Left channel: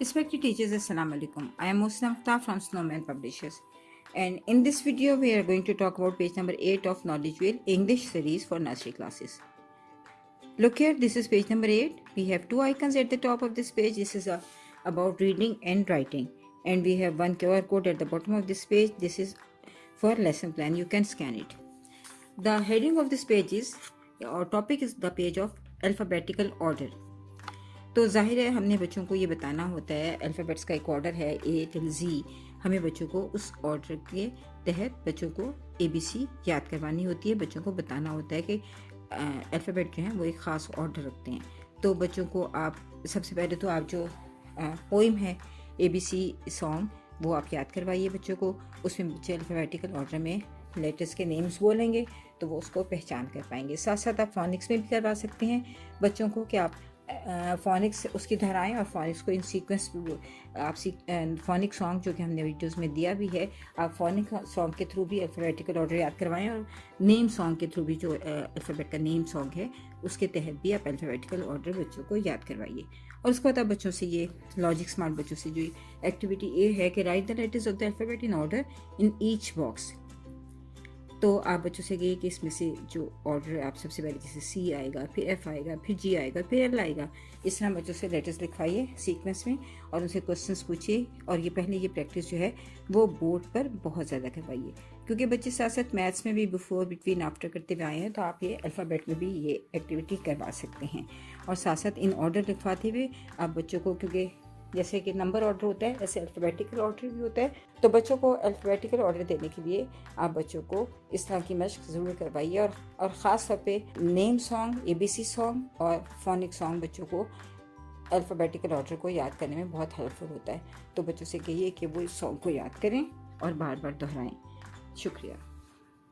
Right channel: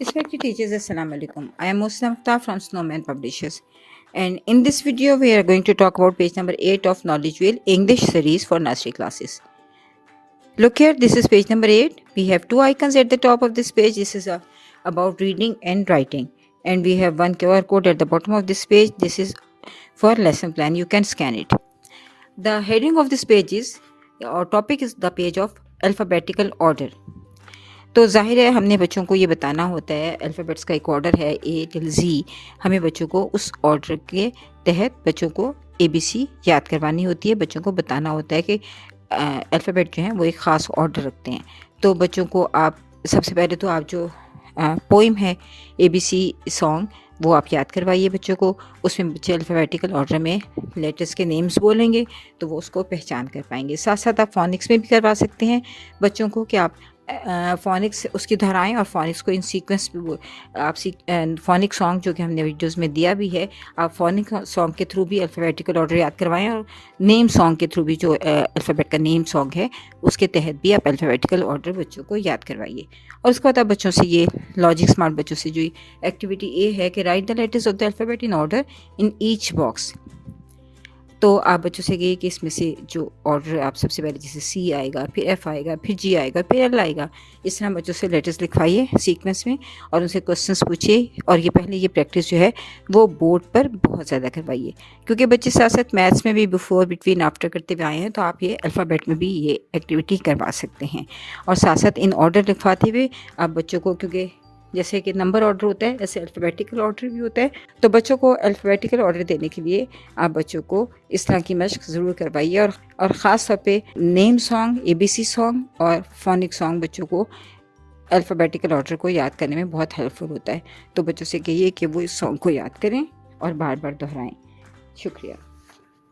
Respected teachers, Assalamu alaikum. I am Muslim Akhtar from Snowman Publishers. And in this video, we are going to talk about page number 8 of Knowledge Wheel English series for nursery classes. Look here, this is page number 8. We have two icons at the top of this page. This is about reading and writing. And we have one QR code at the bottom of this page. This is for lesson plan. You can scan it. The heading of this page is, or topic is the page of alphabetical order. تو ظاہر ہے ہم نے بچوں کو یہ بتانا ہوتا ہے الفابیٹس کا ایک آرڈر ہے اے ٹل زی. ہمیں بچوں کو اس آرڈر کے تحت بچوں کو اے بی سی یاد کروانی ہوتی ہے. بچوں کو بتانا ہوتا ہے کہ الفابیٹ جو ہیں وہ ایک خاص آرڈر رکھتے ہیں. تو بچوں کو آپ سب سے پہلے تو آپ جو پوئم ہے اے بی سی سانگ وہ آپ یاد کروائیے بچوں کو. اس میں بچے الفابیٹیکل آرڈر میں لیٹرس کے نیمز بولیں گے تو وہ اس کو پہچان کر پائیں گے. ساتھ ساتھ آپ فونکس میں بھی کروا سکتے ہیں بچوں کو کہ آپ فونکس اس کی دہرائیں اور فونکس کو ان سیکوینس بھی آپ فونک سانگ جو کہ ہم نے ویڈیوز میں دیا بھی ہے, آپ فونک سانگ کے تھرو بھی الفابیٹیکل آرڈر یاد کروائیں اور نیم سانگ کے تھرو بھی جو الفابیٹ کا نیم سانگ ہے اس کے تحت بھی آپ الفابیٹیکل آرڈر بچوں کو یاد کروائیے. اور اس کے بعد آپ بچوں سے یہ لاجک اسمارٹ بچوں سے جو ایکٹیویٹی اے ہے کہ write the letters of the alphabet in order in H box. تو آپ بچوں سے کہیے کہ اس میں سے جو آرڈر آپ سب سے پہلے جیسے سی آئے گا, پھر ایف آئے گا, پھر جی آئے گا, پھر ایل آئے گا, اس طرح بچوں سے لیٹرز لکھوائیے سیکوینس میں اور ان سے کوسچنس پوچھیے. اور یہ پہلے یہ پریکٹس جو ہے وہ بورڈ پر بہت زیادہ کروائیے کیونکہ بچے ساتھ ساتھ میتھس میں بھی بفور بٹوین آفٹر کرتے ہوئے آئے ہیں تو آپ یہ الفابیٹ میں بھی یہ ایکٹیویٹی کروا سکتے ہیں. اور ساتھ ساتھ ان آرڈر لکھواتے ہوئے آپ بچوں کو, کیونکہ جیسے کہ نمبر آرڈر ہوتا ہے ایسے الفابیٹیکل آرڈر بھی ہوتا ہے, تو بچوں کو الفابیٹیکل آرڈر دینے کے لیے آپ بچوں کو اس طرح کی مشق ضرور کروائیے. اور خاص طور پہ نیم سانگ, اے بی سی سانگ اور فونک سانگ بچوں کو الفابیٹیکل آرڈر کو یاد کرنے میں بہت ہیلپ فل ہوتا ہے. تو بچوں سے کہیے کہ وہ اس سانگ کو یاد کریں اور بار بار دہرائیں. شکریہ.